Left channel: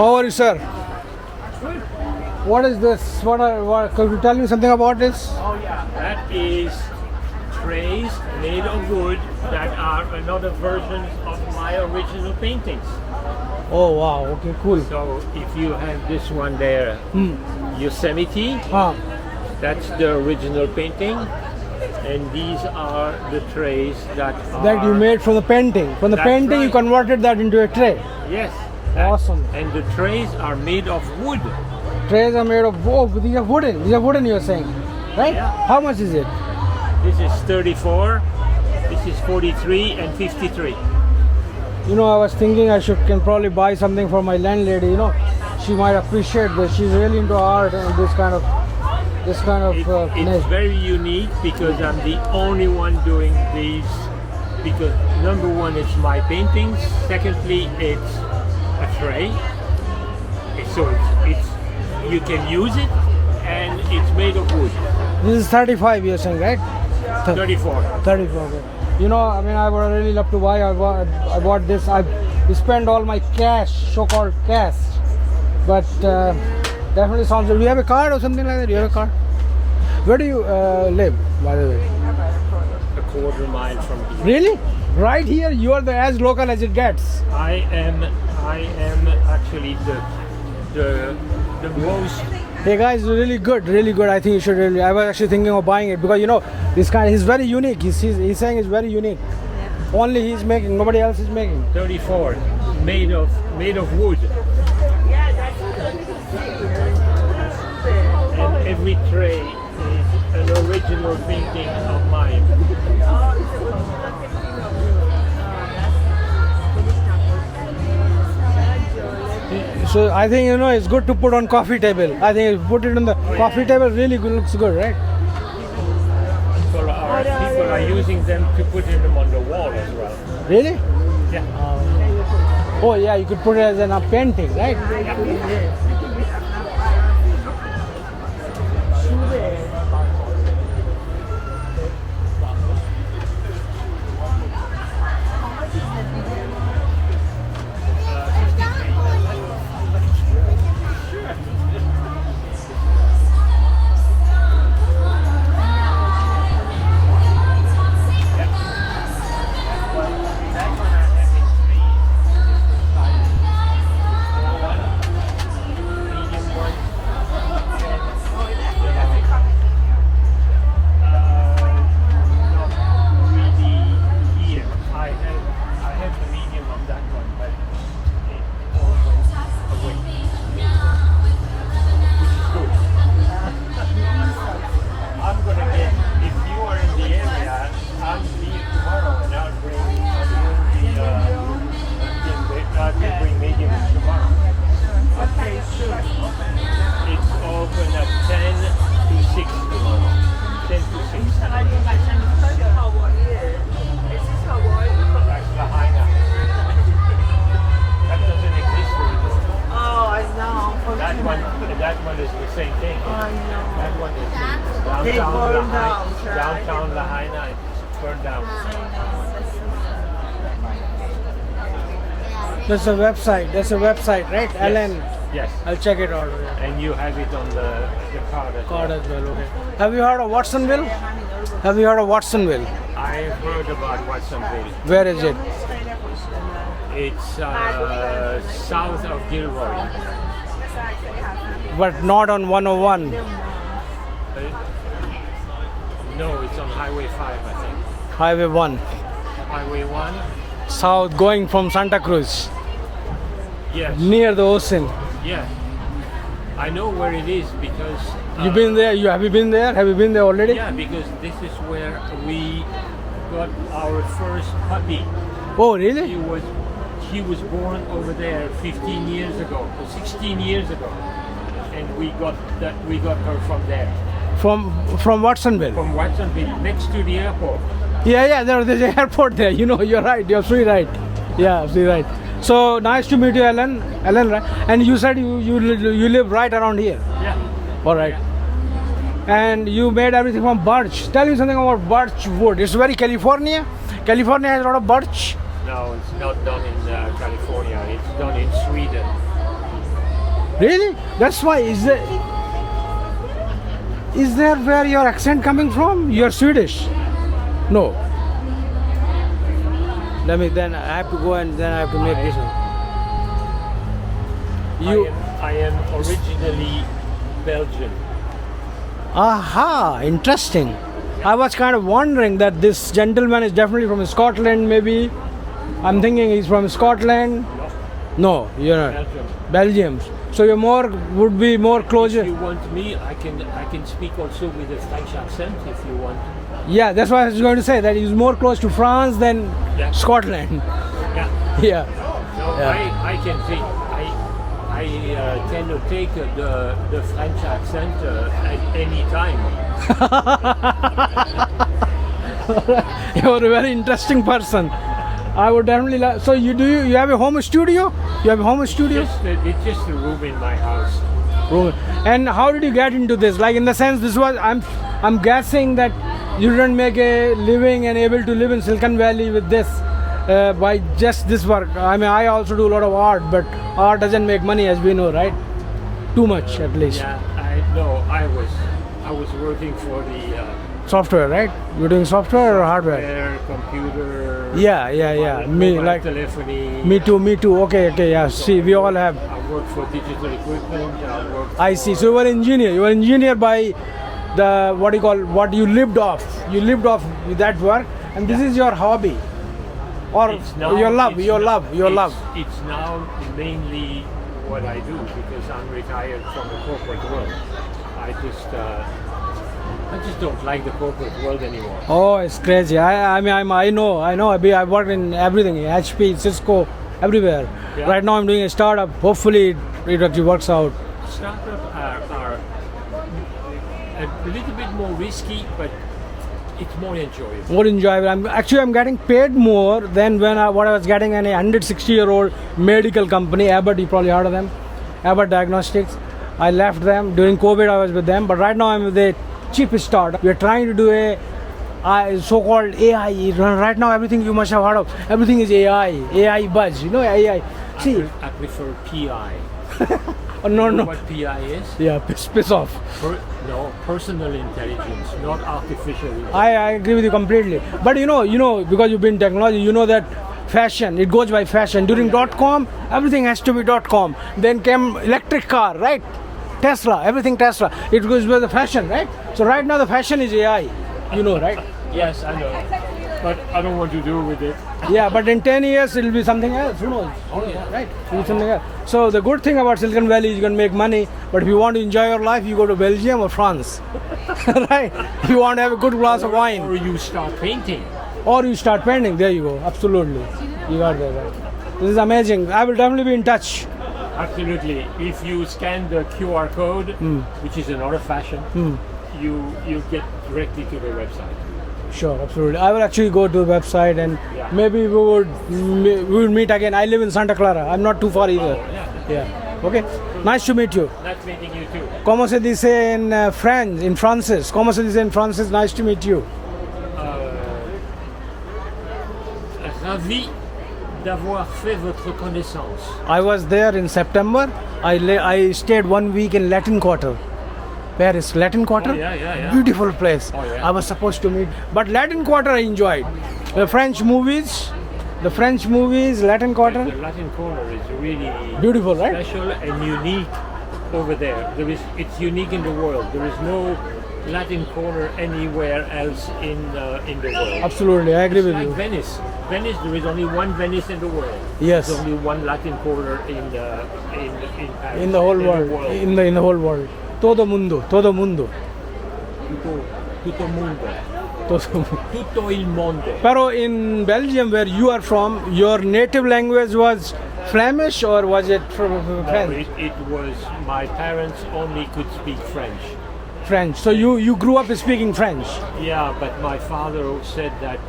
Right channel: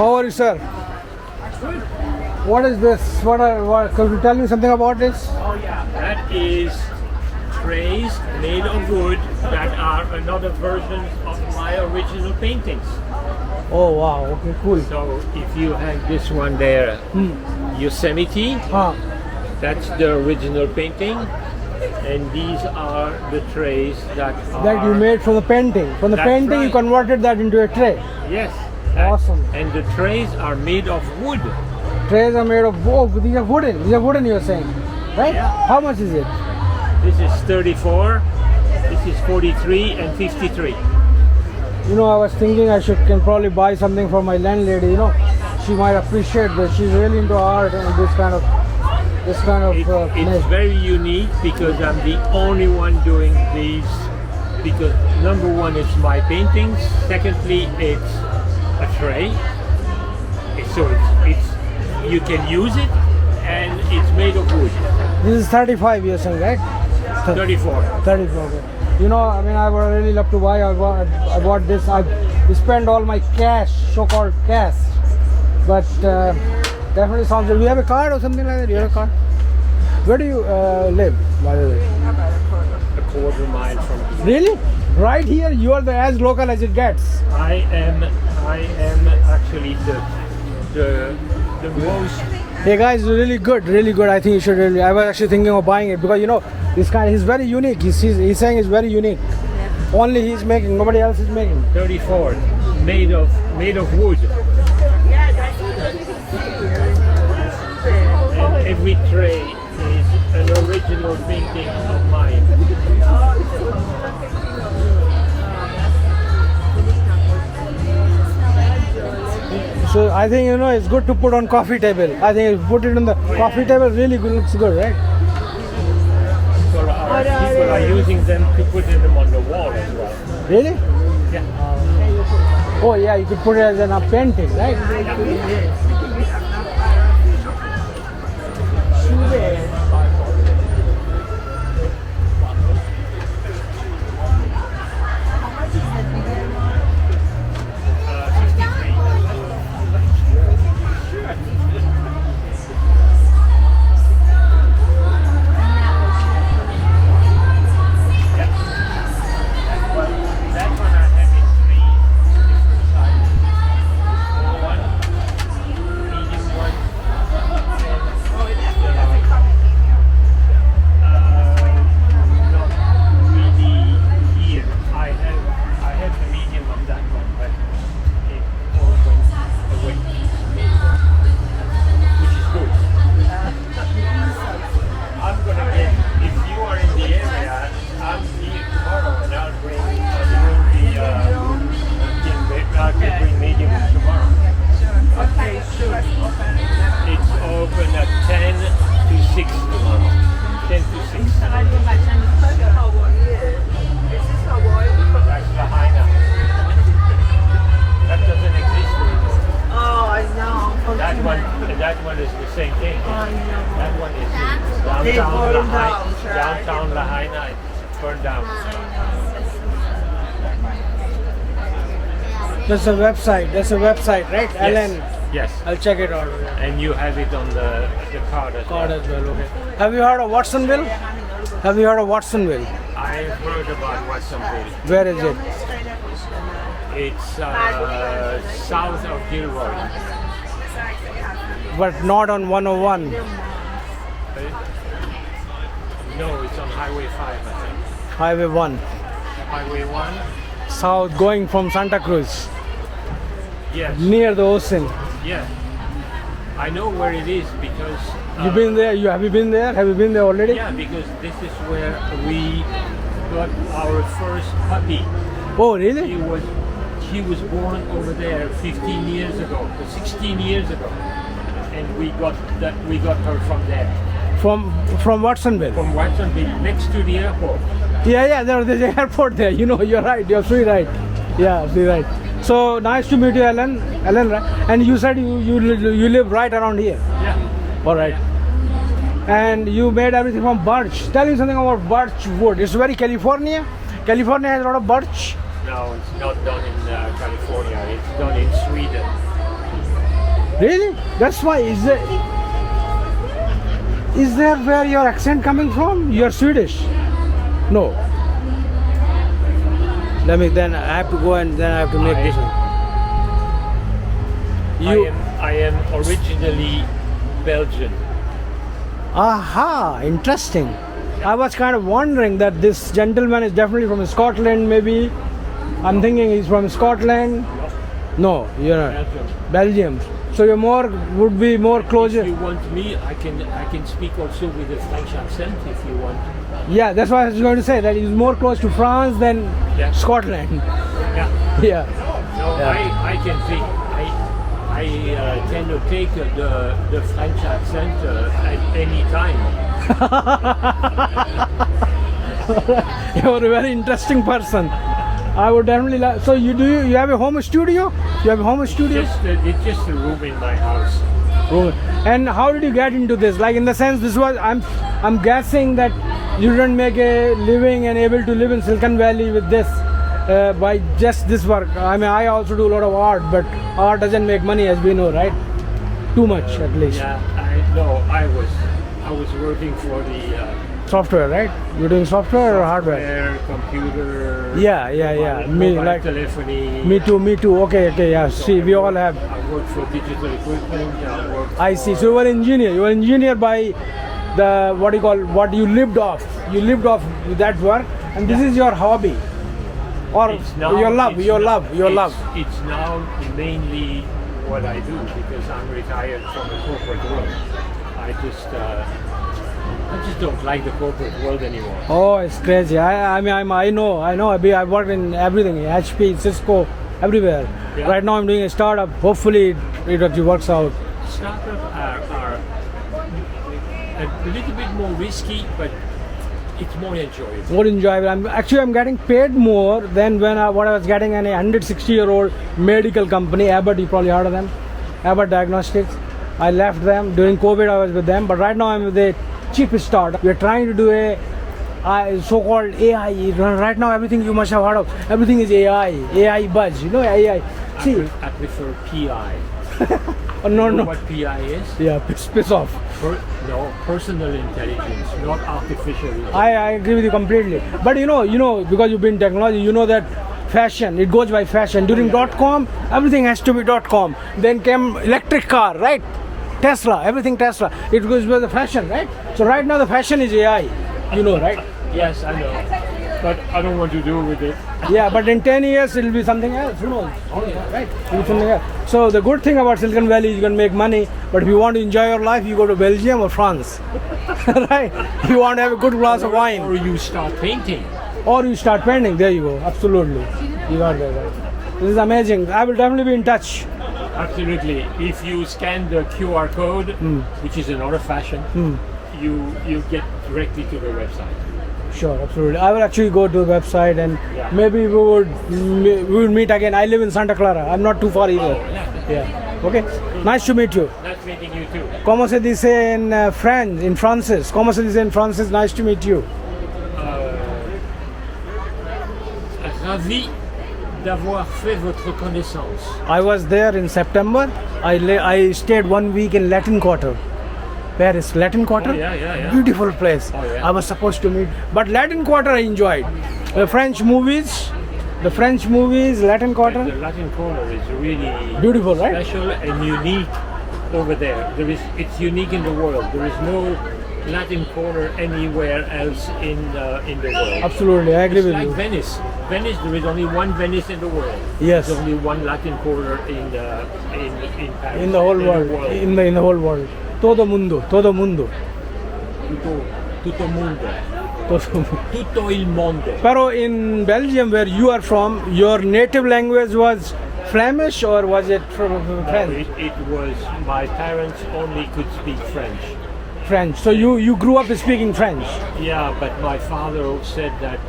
How are you, sir? What is this? Could you tell me something about this? That is trays made of wood that are another versions of my original paintings. Oh wow, okay, cool. So if you have this one there, Yosemite, that's the original painting. And these are the trays that you made from the painting. From the That's painting, you right. converted that into a tray. Yes. Awesome. And the trays are made of wood. Trays are made of wood. These are wooden. These are wooden, you are saying, right? Yeah. How much is it? This is 34, this is 43 and 53. You know, I was thinking I can probably buy something for my landlady. You know, she might appreciate this. She's really into art and this kind of It's nice. very unique because I'm the only one doing these, because number one, it's my paintings. Secondly, it's a tray. So it's you can use it, and it's made of wood. This is 35, you're saying, right? 34. 34. You know, I mean, I would really love to buy. I bought this. I spent all my cash, so-called cash. But definitely sounds good. Do you have a card or something like that? Do you have a card? Where do you live, by the way? A quarter mile from here. Really? Right here? You are as local as it gets. I am actually the most. Hey guys, really good, really good. I think you should really. I was actually thinking of buying it because you know this guy. He's very unique. He's saying it's very unique. Only he's making. Nobody else is making. 34, made of wood. And every tray is an original painting of mine. So I think you know it's good to put on coffee table. I think if you put it on the coffee table, really good, looks good, right? People are using them to put them on the wall as well. Really? Yeah. Oh yeah, you could put it as a painting, right? That one is the same thing. That one is downtown Lahaina. It's burned down. That's a website. That's a website, right? Yes. Alan. Yes. I'll check it out. And you have it on the card as well. Okay. Have you heard of Watsonville? Have you heard of Watsonville? I've heard about Watsonville. Where is it? It's south of Gilroy. But not on 101. No, it's on Highway 5, I think. Highway 1. Highway 1? South, going from Santa Cruz. Yes. Near the ocean. Yes. I know where it is because... You've been there? Have you been there? Have you been there already? Yeah, because this is where we got our first puppy. Oh, really? He was born over there 15 years ago, 16 years ago. And we got her from there. From Watsonville? From Watsonville, next to the airport. Yeah, there's an airport there. You know, you're right. You're absolutely right. Yeah, absolutely right. So nice to meet you, Alan. Alan, right? And you said you live right around here. Yeah. All right. And you made everything from birch. Tell me something about birch wood. It's very California. California has a lot of birch. No, it's not done in California. It's done in Sweden. Really? That's why. Is there where your accent coming from? You're Swedish. No. Then I have to go and then I have to make this one. I am originally Belgian. Aha, interesting. I was kind of wondering that this gentleman is definitely from Scotland, maybe. I'm thinking he's from Scotland. No, you're Belgium. Belgium. So you're would be more closer. If you want me, I can speak also with a French accent if you want. Yeah, that's what I was going to say. That he's more close to France than Yeah. Scotland. Yeah. Yeah. No, Yeah. I can think. I tend to take the French accent at any time. You're a very interesting person. I would definitely like. So you have a home studio? You have a home studio? It's just a room in my house. Good. And how did you get into this? Like in the sense, this was I'm guessing that you didn't make a living and able to live in Silicon Valley with this by just this work. I mean, I also do a lot of art, but art doesn't make money, as we know, right? Too much, at least. Yeah, I was working for the Software, right? You're doing software or hardware? computer. Yeah. Mobile telephony. Me too. Okay, yeah. See, we all have. I work for digital equipment. I see. So you were an engineer. You were an engineer by the what you lived off. You lived off with that work, and this is your hobby, or your love. It's now mainly what I do because I'm retired from the corporate world. I just don't like the corporate world anymore. Oh, it's crazy. I know. I've worked in everything, HP, Cisco, everywhere. Yeah. Right now I'm doing a startup. Hopefully it actually works out. Startups are a little bit more risky, but it's more enjoyable. More enjoyable. I'm getting paid more than what I was getting in a 160-year-old medical company, Abbott. You probably heard of them, Abbott Diagnostics. I left them during COVID. I was with them, but right now I'm with a cheap startup. We're trying to do a so-called AI. Right now, everything you must have heard of. Everything is AI buzz. You know AI. See, I prefer PI. no. You know what PI is? Yeah, piss off. Personal intelligence, not artificial intelligence. I agree with you completely. But you know, because you've been in technology, you know that fashion, it goes by fashion. During .com, everything has to be .com. Then came electric car, right? Tesla, everything Tesla. It goes by the fashion, right? So right now the fashion is AI. You know, right? Yes, I know. But I don't want to do with it. Yeah, but in 10 years it'll be something else. Who knows? Right? It'll be something else. So the good thing about Silicon Valley is you can make money, but if you want to enjoy your life, you go to Belgium or France. Right? You want to have a good glass of wine. Or you start painting. Or you start painting. There you go. Absolutely. You got that. This is amazing. I will definitely be in touch. Absolutely. If you scan the QR code, which is another fashion, you get directly to the website. Sure, absolutely. I will actually go to the website and maybe we will meet again. I live in Santa Clara. I'm not too far either. Oh, Yeah. Okay. Nice to meet you. Nice meeting you too. Comment se dice in French, in français? Comment se dice in français? Nice to meet you. Ravi d'avoir fait votre connaissance. I was there in September. I stayed 1 week in Latin Quarter. Paris, Latin Quarter? Oh, yeah. Beautiful place. Oh, yeah. I was supposed to meet. But Latin Quarter I enjoyed. The French movies, Latin Quarter. The Latin Quarter is really Beautiful, right? special and unique over there. It's unique in the world. There is no Latin Quarter anywhere else in the world. Absolutely, I agree It's with like you. Venice. Venice, there is only one Venice in the world. Yes. There's only one Latin Quarter in Paris. In the whole world. In the whole world. Todo mundo. Tutto mondo. Tutto il mondo. Pero in Belgium, where you are from, your native language was Flemish or was it from French? It was, my parents only could speak French. French. So you grew up speaking French. Yeah, but my father said that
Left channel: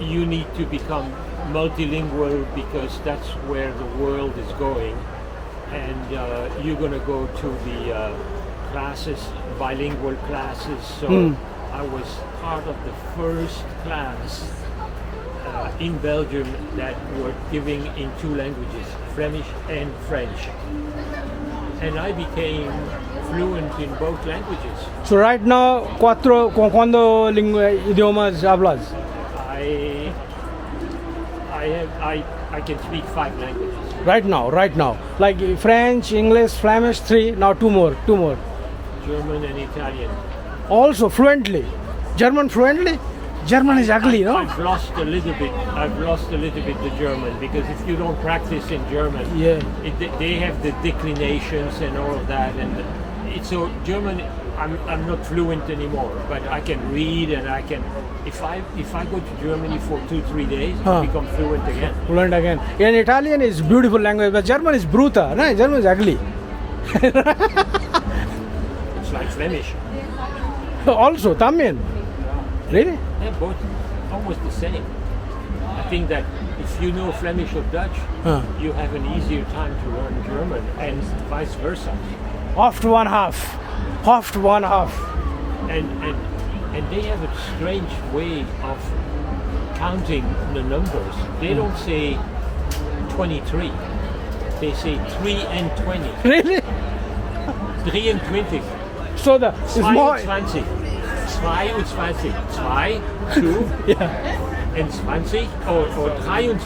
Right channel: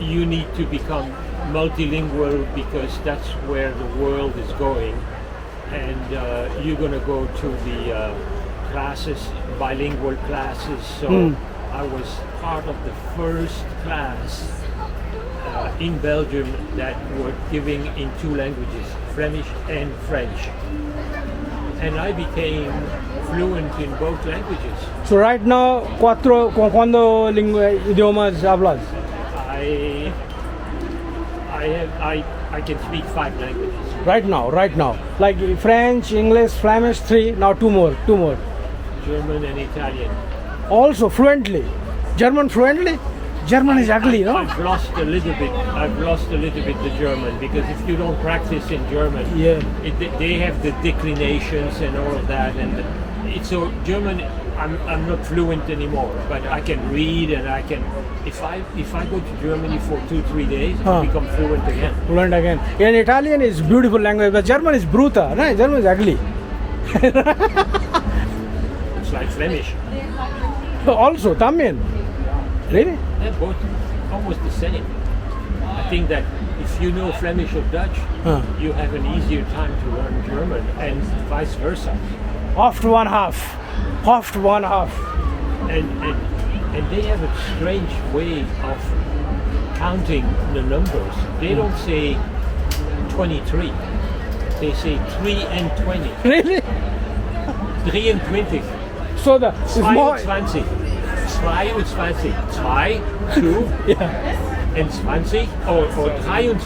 you need to become multilingual because that's where the world is going, and you're going to go to the classes, bilingual classes. So I was part of the first class in Belgium that were giving in two languages, Flemish and French. And I became fluent in both languages. So right now, ¿cuándo idiomas hablas? I can speak 5 languages. Right now. Like French, English, Flemish, 3, now 2 more. German and Italian. Also fluently. German fluently? German is ugly, no? I've lost a little bit the German, because if you don't practice in German, Yeah. They have the declinations and all of that, and so German. I'm not fluent anymore, but I can read, and I can. If I go to Germany for 2-3 days, I'll become fluent again. Fluent again. And Italian is beautiful language, but German is brutal. No, German is ugly. It's like Flemish. Also, también. Really? They're both almost the same. I think that if you know Flemish or Dutch, you have an easier time to learn German, and vice versa. Half to one half. And they have a strange way of counting the numbers. They don't say 23. They say 3 and 20. Really? 3 and 20. So the it's more, 22. 22. 2, yeah. and 20, or 23. 3 and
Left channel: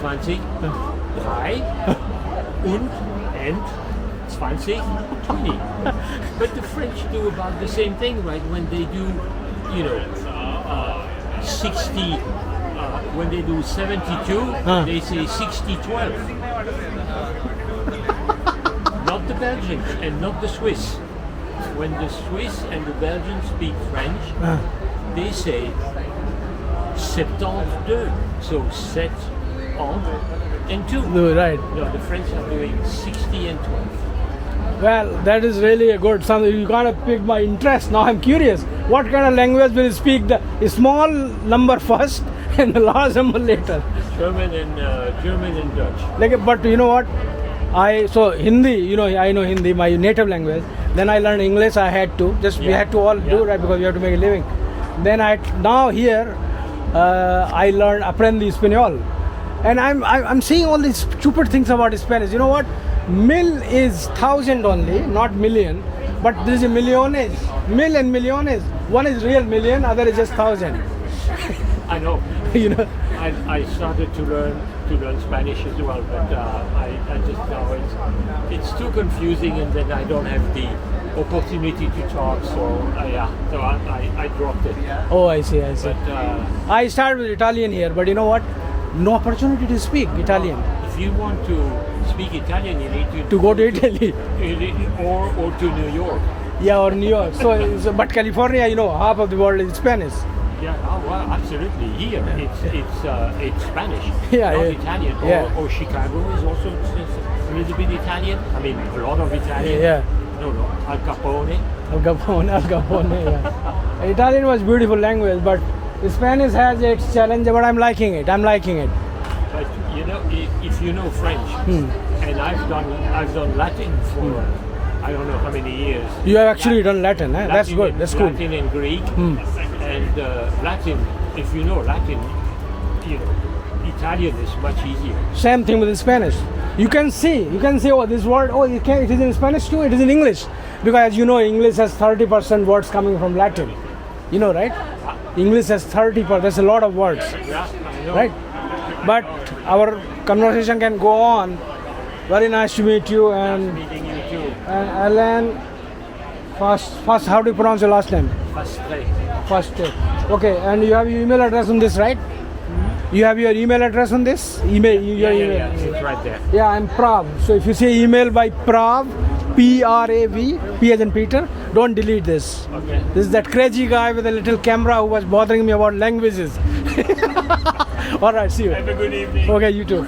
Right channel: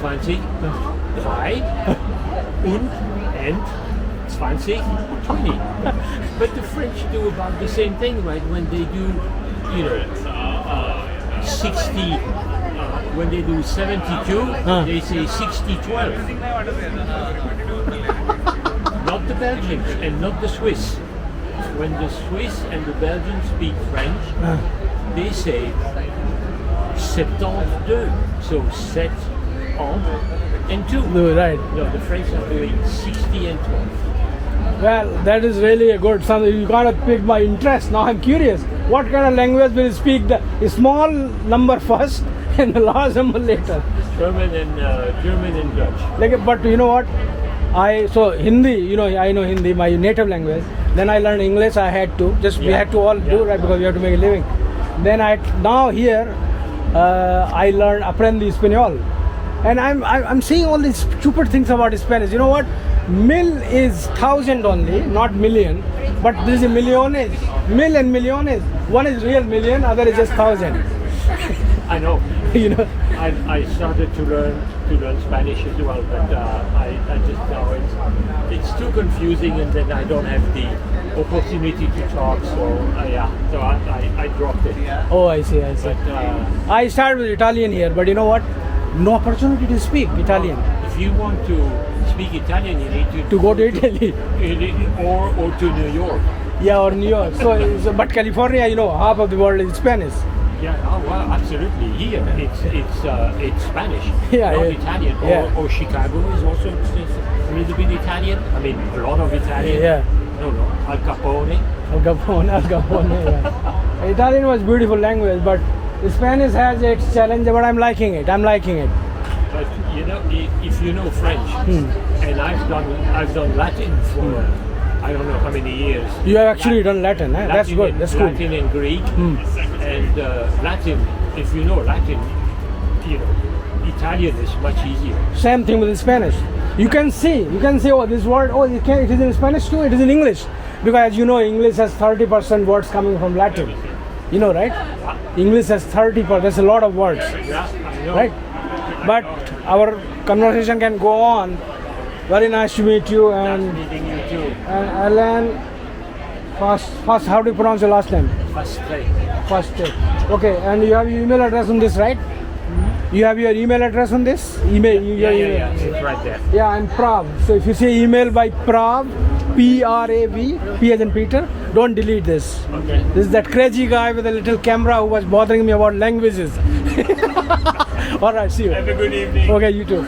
20, 20. But the French do about the same thing, right? When they do, 60, when they do 72, they say 60-12. Not the Belgians and not the Swiss. When the Swiss and the Belgians speak French, they say 72. So 7 and 2. No, right. No, the French are doing 60 and 12. Well, that is really a good something. You gotta pick my interest. Now I'm curious. What kind of language will you speak? The small number first and the large number later. German and Dutch. Like, but you know what? So Hindi, I know Hindi, my native language. Then I learned English. I had to. We had to all do, right, because we have to make a living. Then now here I learned Aprendí Español. And I'm seeing all these stupid things about Spanish. You know what? Mil is 1,000 only, not million. But there is a millones. Mil and millones. One is real million, other is just 1,000. I know. I started to learn Spanish as well, but I just know it's too confusing, and then I don't have the opportunity to talk. So I dropped it. Oh, I see. But I started with Italian here, but you know what? No opportunity to speak Italian. If you want to speak Italian, you need to go to Italy. or to New York. Yeah, or New York. But California, half of the world is Spanish. Yeah, well, absolutely. Here, it's Spanish, not Italian. Yeah. Or Chicago is also a little bit Italian. I mean, a lot of Italian. Yeah. No, Al Capone. Yeah. Italian was beautiful language, but Spanish has its challenge. But I'm liking it. But if you know French, and I've done Latin for I don't know how many years. You have actually done Latin, eh? That's good. That's good. Latin and Greek, and Latin. If you know Latin, Italian is much easier. Same thing with Spanish. You can see. Oh, this word. Oh, it is in Spanish too. It is in English, because as you know, English has 30% words coming from Latin. You know, right? English has 30%. There's a lot of words. Yeah, I know. Right? But our conversation can go on. Very nice to meet you. And nice meeting you too. Alan, first, how do you pronounce your last name? Fastre. Okay, and you have your email address on this, right? You have your email address on this? Yeah, it's right there. Yeah, I'm Prav. So if you say email by Prav, P-R-A-V, P as in Peter, don't delete this. Okay. This is that crazy guy with a little camera who was bothering me about languages. All right, see you. Have a good evening. Okay, you too.